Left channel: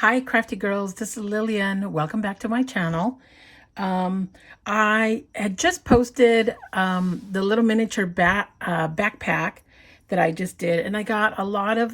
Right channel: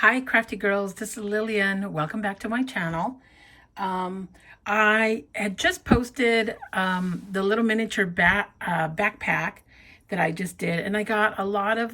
Hi, crafty girls. This is Lillian. Welcome back to my channel. I had just posted the little miniature backpack that I just did, and I got a lot of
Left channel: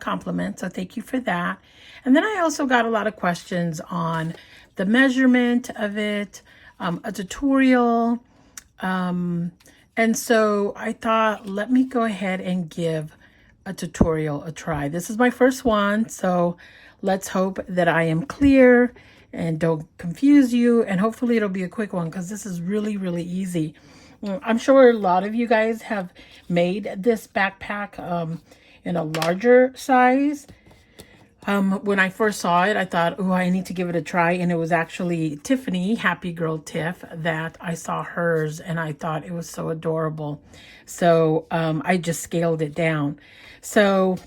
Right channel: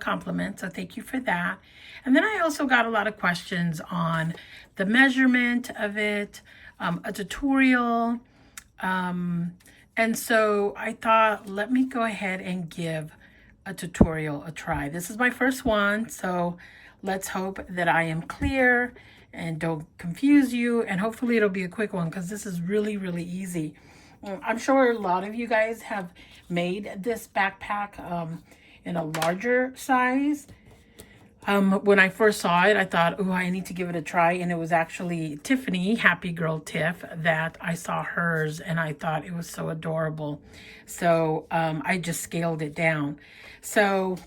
compliments. So thank you for that. And then I also got a lot of questions on the measurement of it, a tutorial, and so I thought, let me go ahead and give a tutorial a try. This is my first one, so let's hope that I am clear and don't confuse you, and hopefully it'll be a quick one because this is really, really easy. I'm sure a lot of you guys have made this backpack in a larger size. When I first saw it, I thought, oh, I need to give it a try. And it was actually Tiffany, Happy Girl Tiff, that I saw hers and I thought it was so adorable. So I just scaled it down. So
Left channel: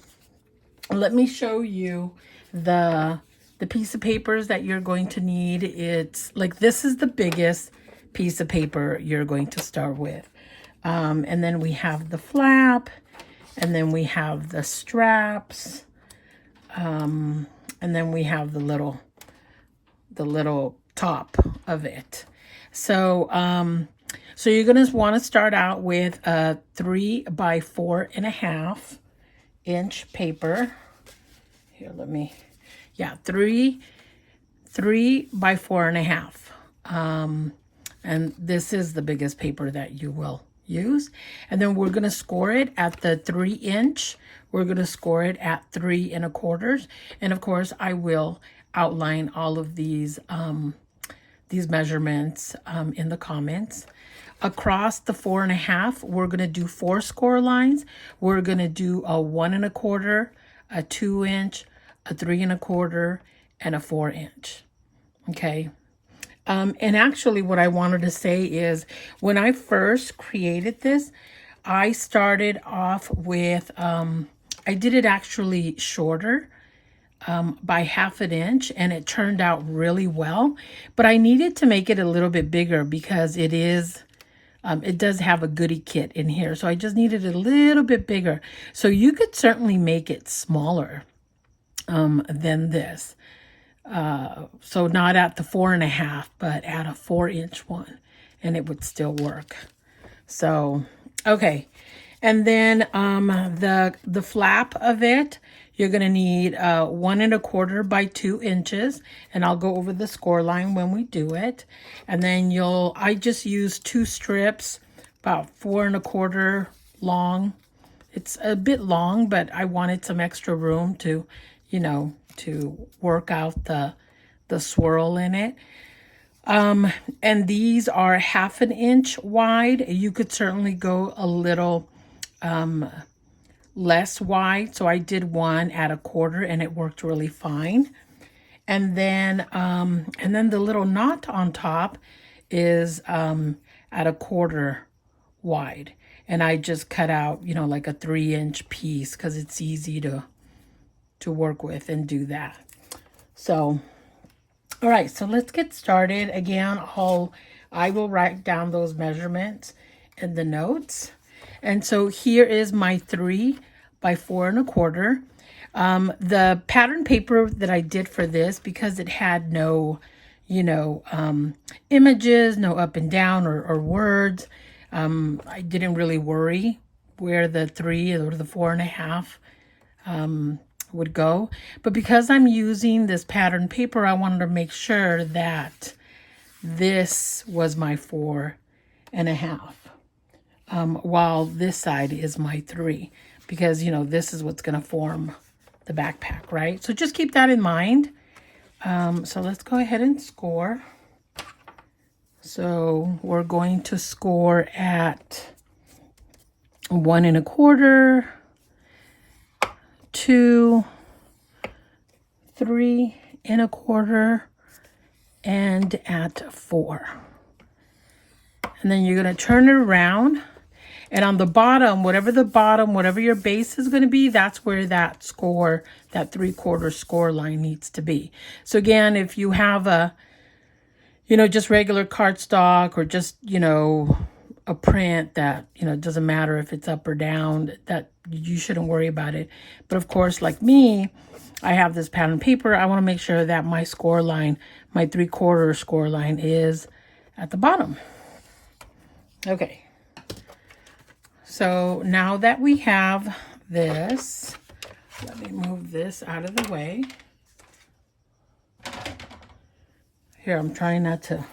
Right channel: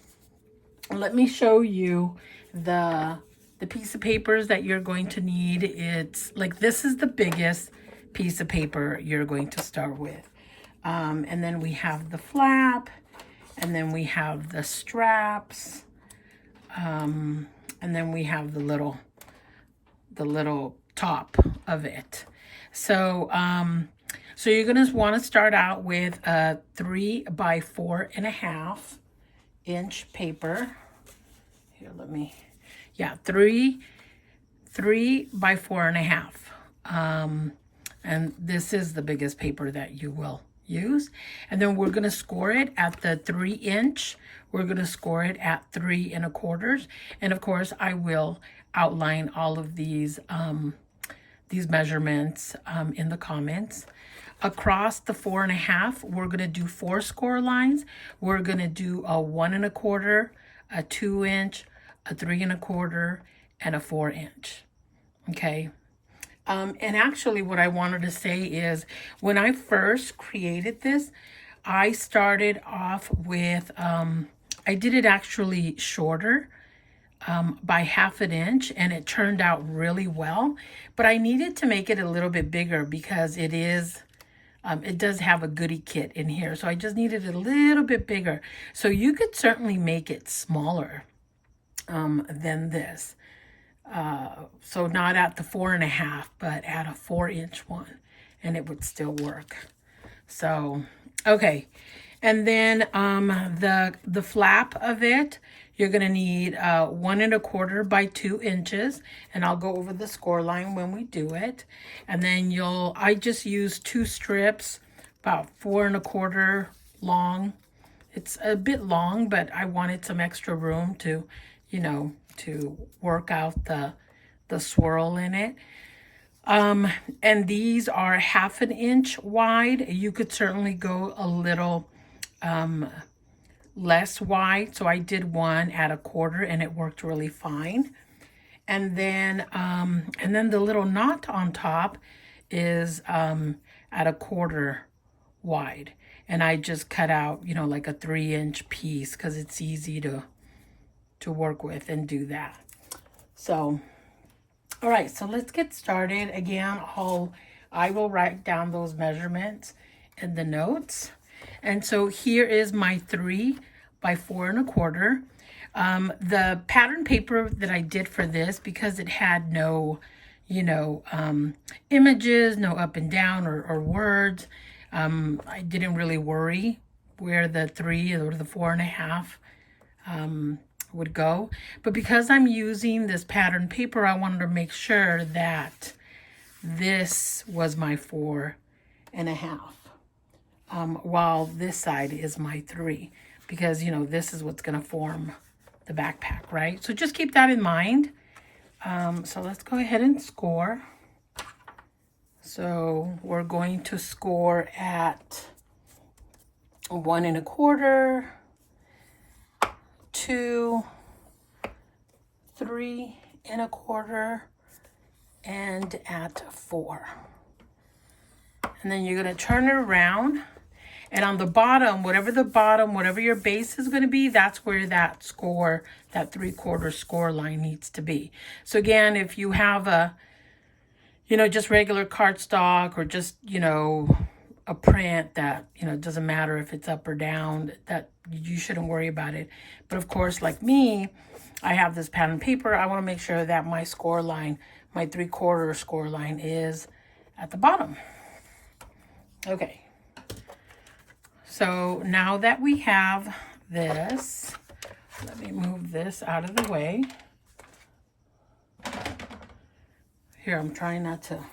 let me show you the piece of papers that you're going to need. It's like, this is the biggest piece of paper you're going to start with. And then we have the flap, and then we have the straps. And then we have the little top of it. So so you're gonna want to start out with a 3 by 4.5 inch paper. Here, yeah, 3 by 4.5. And this is the biggest paper that you will use. And then we're going to score it at the 3 inch. We're going to score it at 3 1/4. And of course, I will outline all of these measurements in the comments. Across the 4.5, we're going to do 4 score lines. We're going to do a 1 1/4, a 2 inch, a 3 1/4, and a 4 inch. Okay. And actually what I wanted to say is, when I first created this, I started off with, I did it actually shorter by 1/2 inch, and it turned out really well. But I needed to make it a little bit bigger because it does have a goodie kit in here. So I just needed it a little bit bigger. So you could certainly make it smaller than this. So not at the 4.5, but at a 4 inch one, and it would still work. So, okay. And then the flap of it, you're going to need 1 1/4 by 2 inches, and I'll go over the score line when we do it. And then I just used 2 strips, about 4 1/4 long. It's a bit long, but I wanted some extra room to, to work out the swirl in it. And these are 1/2 inch wide. You could certainly go a little less wide. So I did one at 1/4, and it worked really fine. And then the little knot on top is at 1/4 wide. And I just cut out, like a 3 inch piece because it's easy to work with and do that. So, all right, so let's get started. Again, I will write down those measurements in the notes. And so here is my 3 by 4 1/4. The pattern paper that I did for this, because it had no, images, no up and down or words, I didn't really worry where the 3 or the 4.5 would go. But because I'm using this pattern paper, I wanted to make sure that this was my 4.5, while this side is my 3, because this is what's going to form the backpack, right? So just keep that in mind. So let's go ahead and score. So we're going to score at 1 1/4, 2, 3 1/4, and at 4. And then you're going to turn it around, and on the bottom, whatever your base is going to be, that's where that 3/4 score line needs to be. So again, if you have a, just regular cardstock, or just, a print that, it doesn't matter if it's up or down, that you shouldn't worry about it. But of course, like me, I have this pattern paper. I want to make sure that my score line, my 3/4 score line, is at the bottom. Okay. So now that we have this, let me move this out of the way. Here, I'm trying not to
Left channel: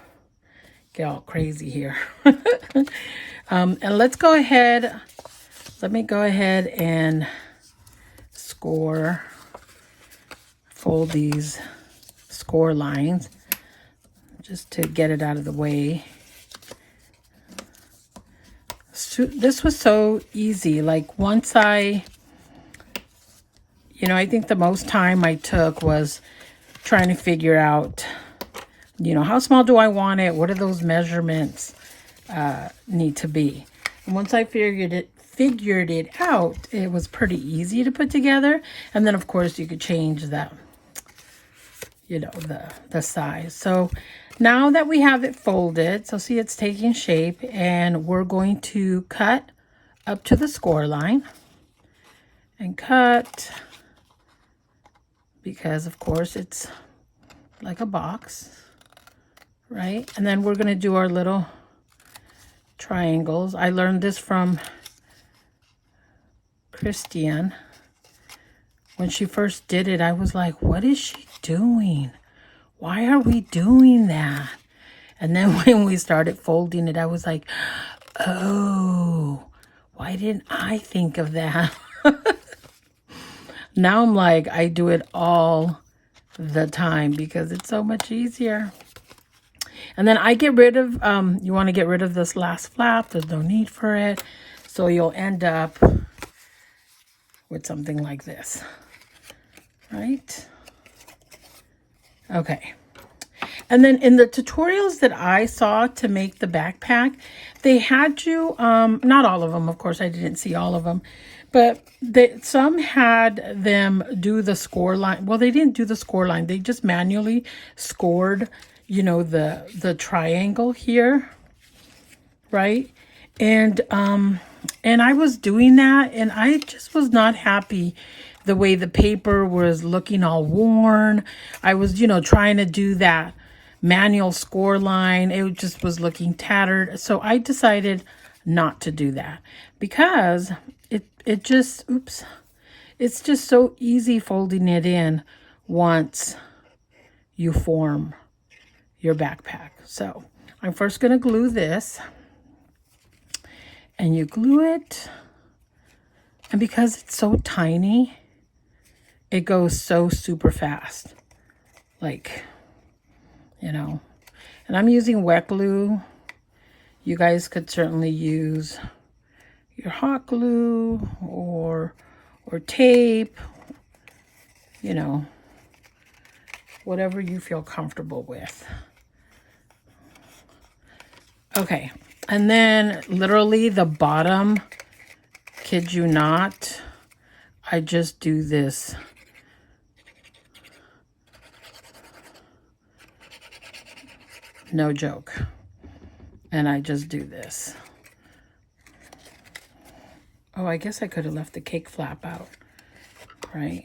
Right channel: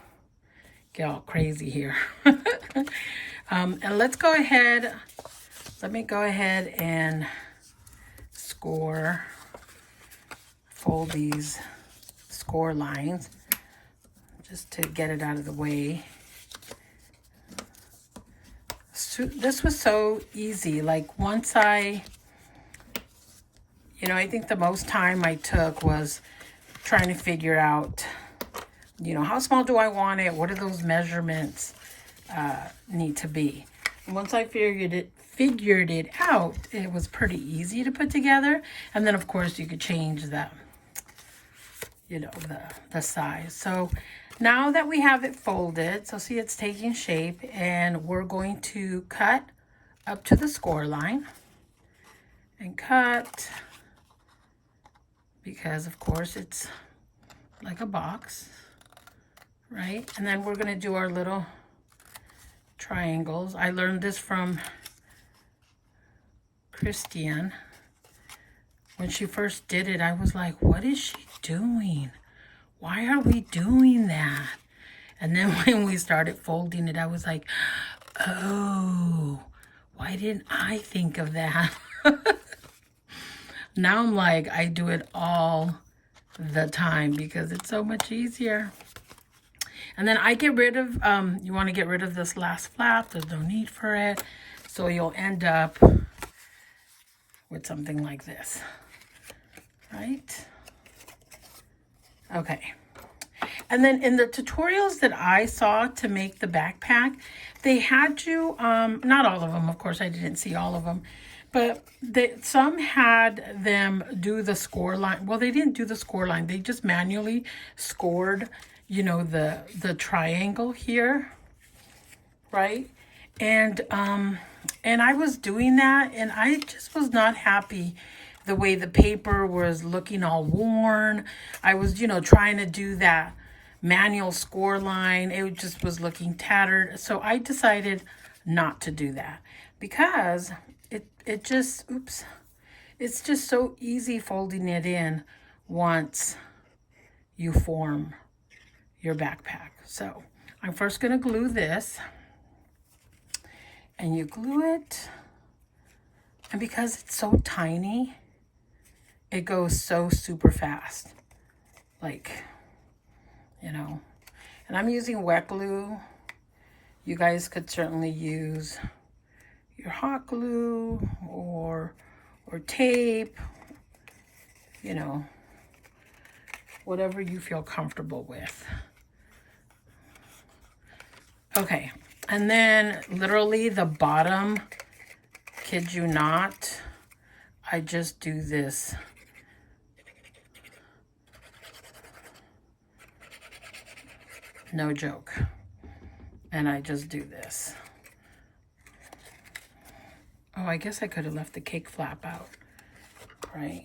get all crazy here. And let's go ahead. Let me go ahead and fold these score lines just to get it out of the way. So this was so easy. Like once I think the most time I took was trying to figure out, how small do I want it? What do those measurements need to be? And once I figured it out, it was pretty easy to put together. And then of course you could change the size. So now that we have it folded, so see it's taking shape, and we're going to cut up to the score line and cut, because of course it's like a box, right? And then we're going to do our little triangles. I learned this from Christian. When she first did it, I was like, what is she doing? Why are we doing that? And then when we started folding it, I was like, oh, why didn't I think of that? Now I'm like, I do it all the time because it's so much easier. And then I get rid of, you want to get rid of this last flap. There's no need for it. So you'll end up with something like this, right? Okay. And then in the tutorials that I saw to make the backpack, they had you, not all of them, of course, I didn't see all of them, but some had them do the score line. Well, they didn't do the score line. They just manually scored, the triangle here, right? And I was doing that, and I just was not happy the way the paper was looking all worn. I was, trying to do that manual score line. It just was looking tattered. So I decided not to do that because it just, it's just so easy folding it in once you form your backpack. So I'm first going to glue this, and you glue it, and because it's so tiny, it goes so super fast, like, and I'm using wet glue. You guys could certainly use your hot glue or tape, whatever you feel comfortable with. Okay, and then literally the bottom, kid you not, I just do this. No joke. And I just do this. Oh, I guess I could have left the cake flap out, right?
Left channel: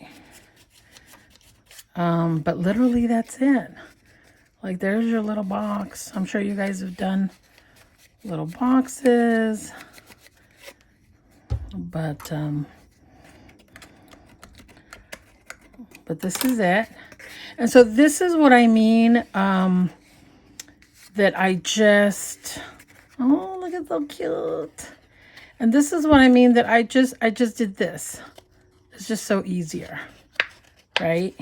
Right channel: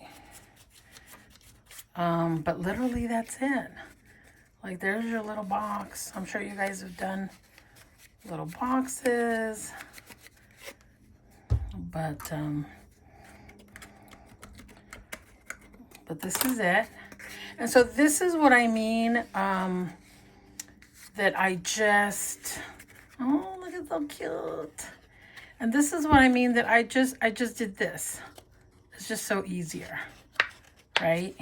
But literally that's it. Like, there's your little box. I'm sure you guys have done little boxes, but this is it. And so this is what I mean, that I just, oh, look, it's so cute. And this is what I mean that I just did this. It's just so easier, right?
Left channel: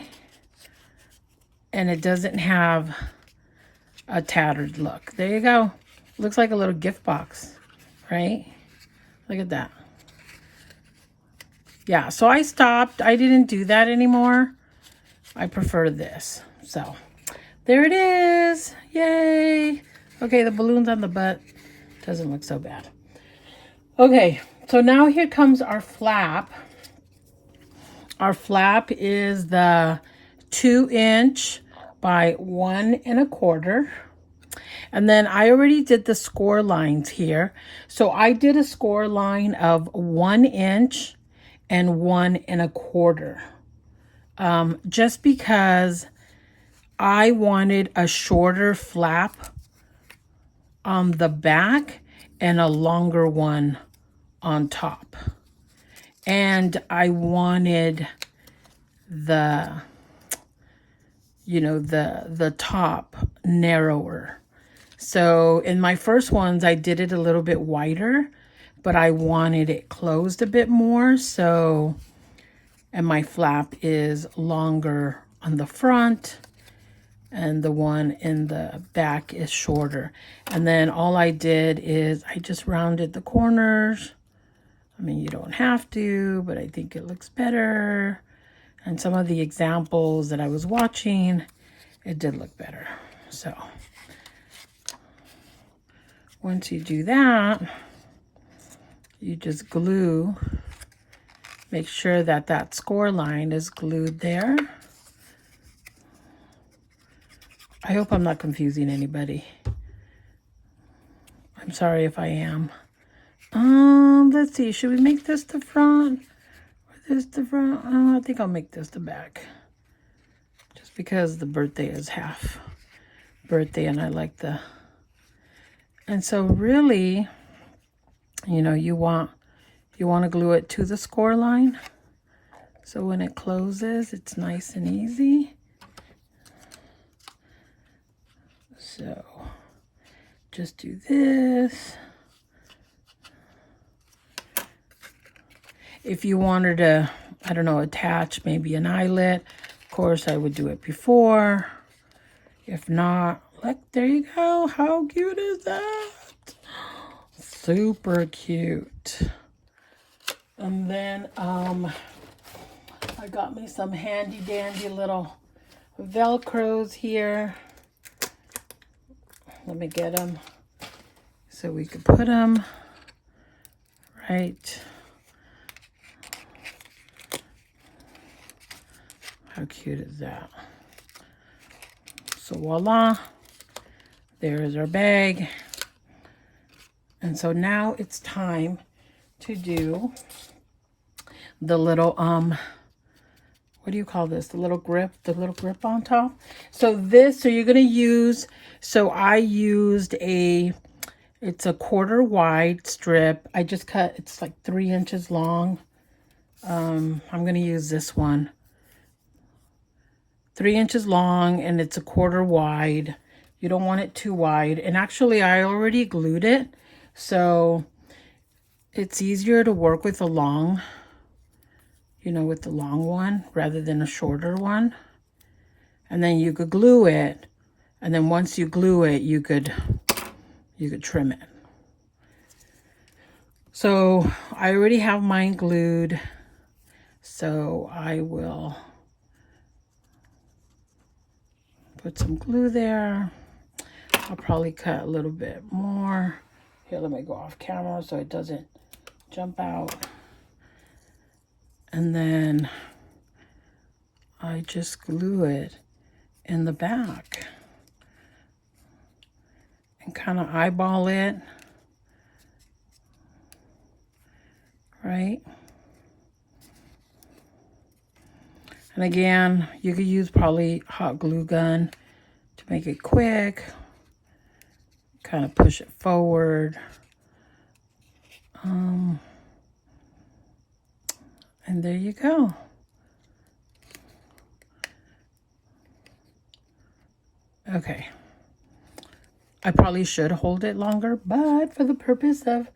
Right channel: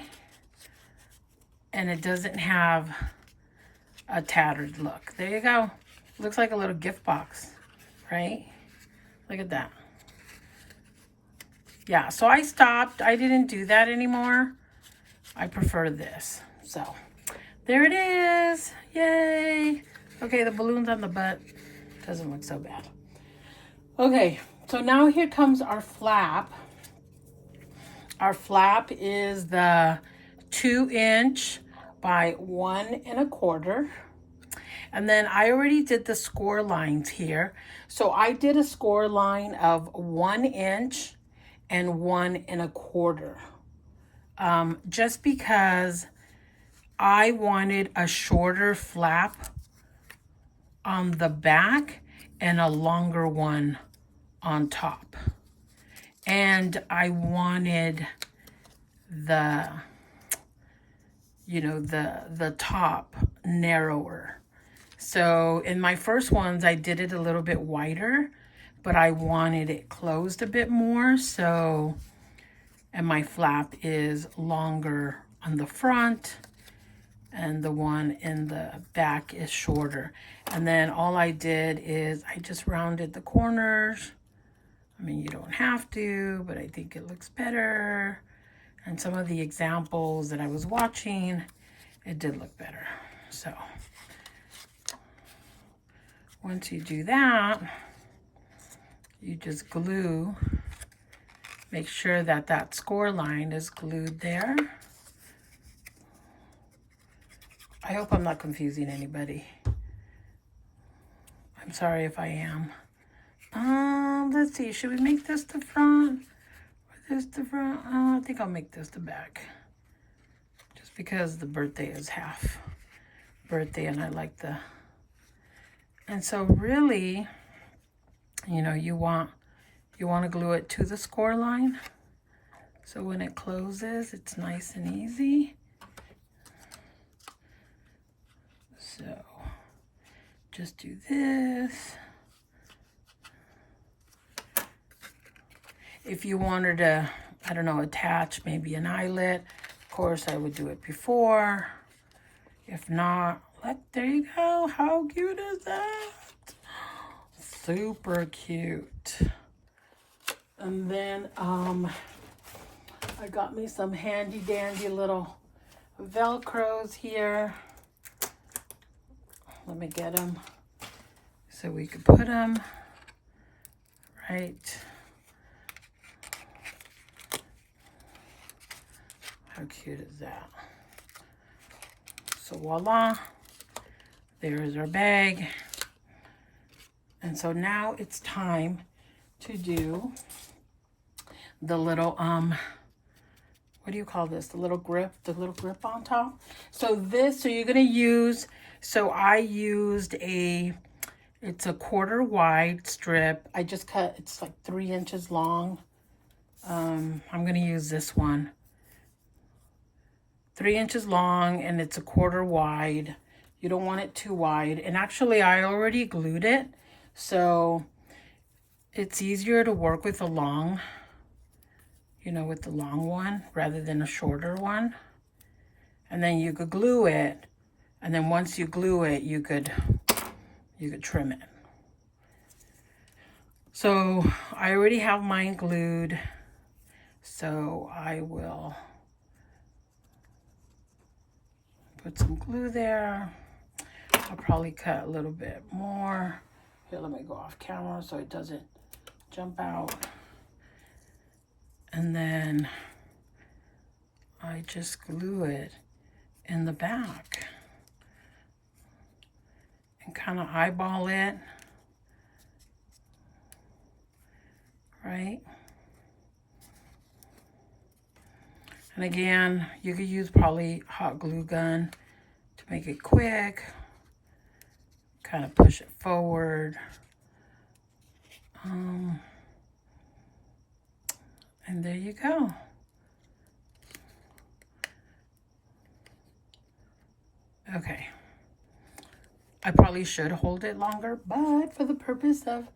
And it doesn't have a tattered look. There you go. Looks like a little gift box, right? Look at that. Yeah, so I stopped. I didn't do that anymore. I prefer this. So there it is. Yay. Okay, the balloons on the butt doesn't look so bad. Okay, so now here comes our flap. Our flap is the 2" by 1 1/4. And then I already did the score lines here. So I did a score line of 1 inch and 1 1/4 just because I wanted a shorter flap on the back and a longer one on top. And I wanted the, you know, the top narrower. So in my first ones, I did it a little bit wider, but I wanted it closed a bit more. So, and my flap is longer on the front and the one in the back is shorter. And then all I did is I just rounded the corners. I mean, you don't have to, but I think it looks better. And some of the examples that I was watching, it did look better. So once you do that, you just glue, make sure that that score line is glued there. I hope I'm not confusing anybody. I'm sorry if I am. Let's see, should we make this the front or this the front? I think I'll make this the back. Just because the birthday is half birthday and I like the, and so really, you know, you want to glue it to the score line. So when it closes, it's nice and easy. So just do this. If you wanted to, I don't know, attach maybe an eyelet, of course I would do it before. If not, look, there you go. How cute is that? Super cute. And then I got me some handy dandy little Velcros here. Let me get them so we can put them right. How cute is that? So voila, there is our bag. And so now it's time to do the little, what do you call this? The little grip on top. So you're gonna use, so I used it's a 1/4 wide strip. I just cut, it's like 3 inches long. I'm gonna use this one. 3 inches long and it's a 1/4 wide. You don't want it too wide. And actually I already glued it, so it's easier to work with a long, you know, with the long one rather than a shorter one. And then you could glue it, and then once you glue it, you could trim it. So I already have mine glued, so I will put some glue there. I'll probably cut a little bit more. Here, let me go off camera so it doesn't jump out. And then I just glue it in the back and kind of eyeball it, right? And again, you could use probably hot glue gun to make it quick. Kind of push it forward. And there you go. Okay. I probably should hold it longer, but for the purpose of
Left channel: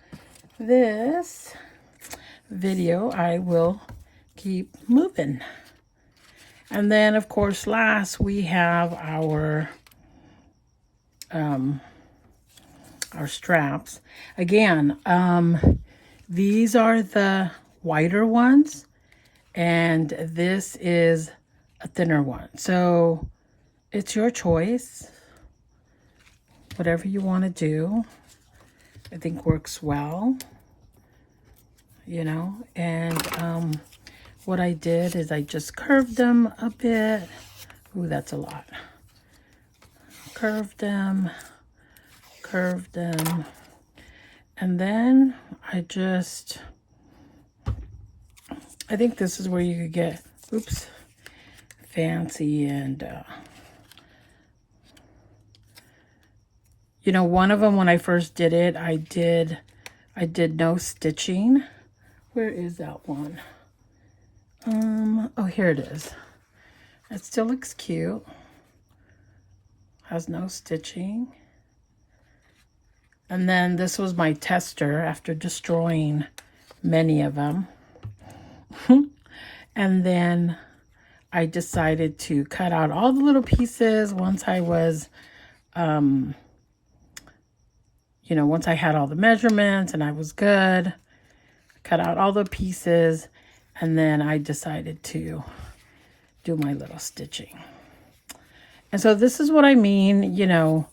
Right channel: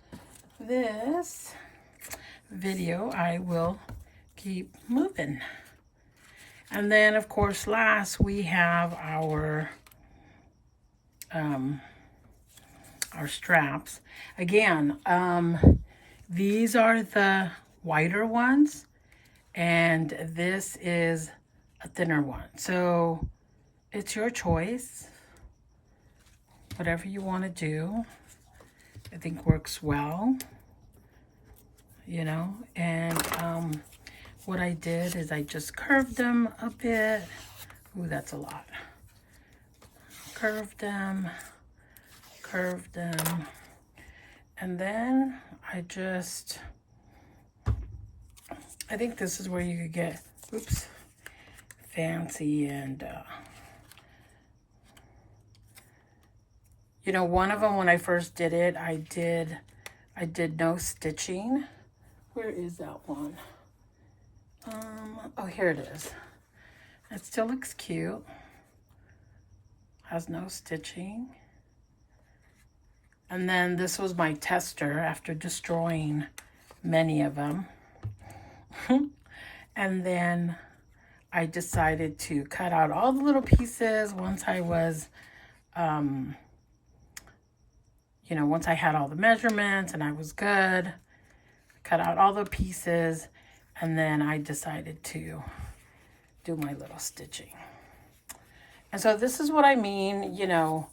this video, I will keep moving. And then, of course, last we have our straps. Again, these are the wider ones, and this is a thinner one. So it's your choice. Whatever you want to do, I think works well, you know. And what I did is I just curved them a bit. Ooh, that's a lot. Curved them, and then I think this is where you could get, oops, fancy. And you know, one of them, when I first did it, I did no stitching. Where is that one? Oh, here it is. It still looks cute. Has no stitching. And then this was my tester after destroying many of them. And then I decided to cut out all the little pieces once I was, you know, once I had all the measurements and I was good. Cut out all the pieces, and then I decided to do my little stitching. And so this is what I mean, you know.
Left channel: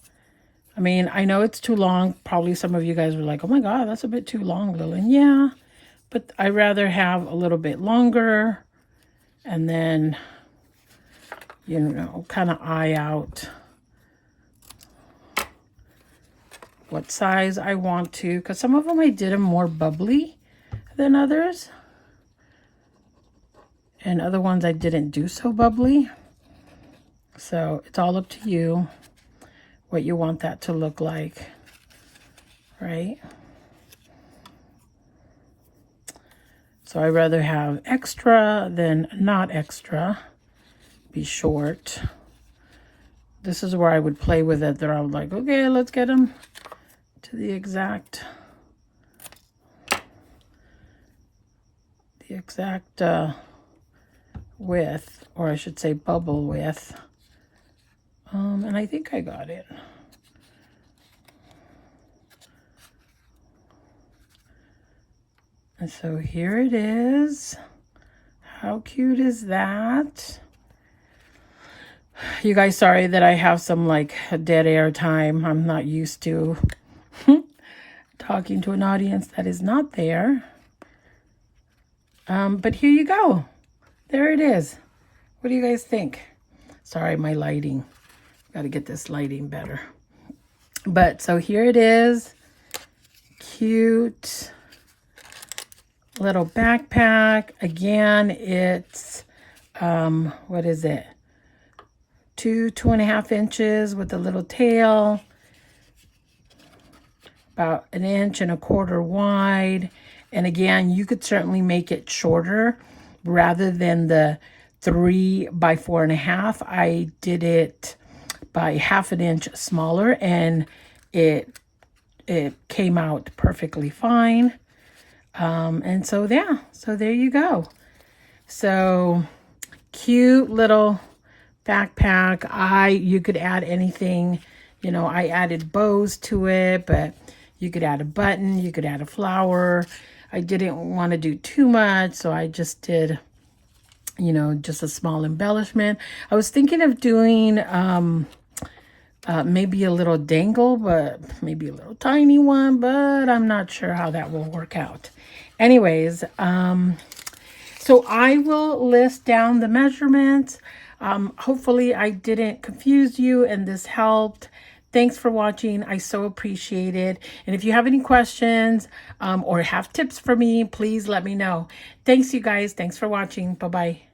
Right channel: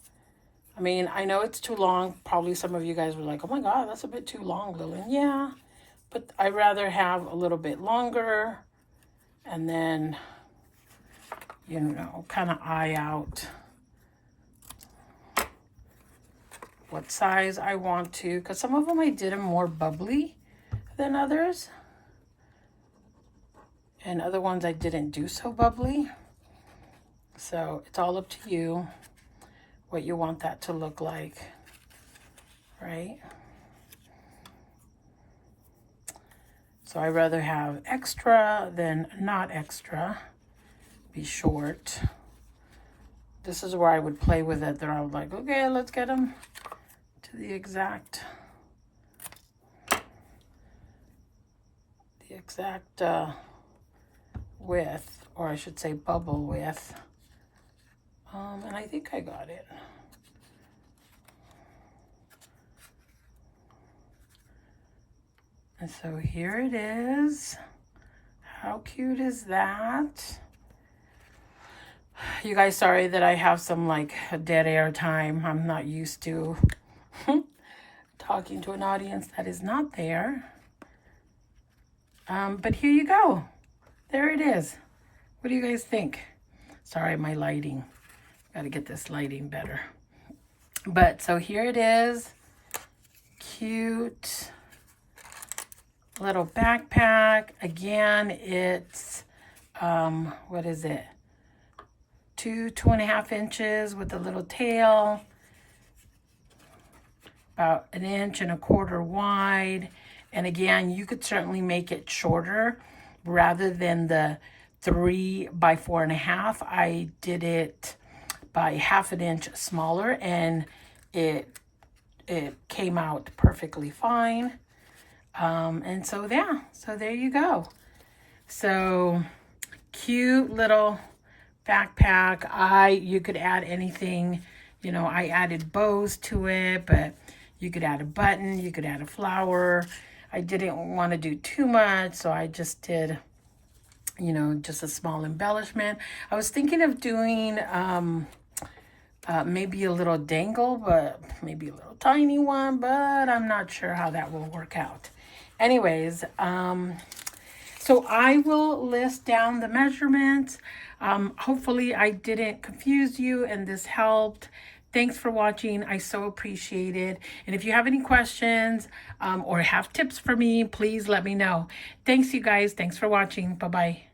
I mean, I know it's too long. Probably some of you guys were like, oh my God, that's a bit too long, Lillian. Yeah, but I'd rather have a little bit longer and then, you know, kind of eye out what size I want to, because some of them I did them more bubbly than others, and other ones I didn't do so bubbly. So it's all up to you what you want that to look like, right? So I'd rather have extra than not extra. Be short. This is where I would play with it. They're all like, okay, let's get them to the exact width, or I should say bubble width. And I think I got it. And so here it is. How cute is that? You guys, sorry that I have some like dead air time. I'm not used to talking to an audience that is not there. But here you go. There it is. What do you guys think? Sorry, my lighting. Got to get this lighting better. But so here it is. Cute little backpack. Again, it's, what is it? 2.5 inches with a little tail. About 1.25 inches wide. And again, you could certainly make it shorter rather than the 3 by 4.5. I did it by 1/2 inch smaller, and it came out perfectly fine. And so yeah, so there you go. So cute little backpack. You could add anything, you know. I added bows to it, but you could add a button, you could add a flower. I didn't want to do too much, so I just did, you know, just a small embellishment. I was thinking of doing maybe a little dangle, but maybe a little tiny one, but I'm not sure how that will work out. Anyways, so I will list down the measurements. Hopefully I didn't confuse you and this helped. Thanks for watching. I so appreciate it. And if you have any questions or have tips for me, please let me know. Thanks, you guys. Thanks for watching. Bye-bye.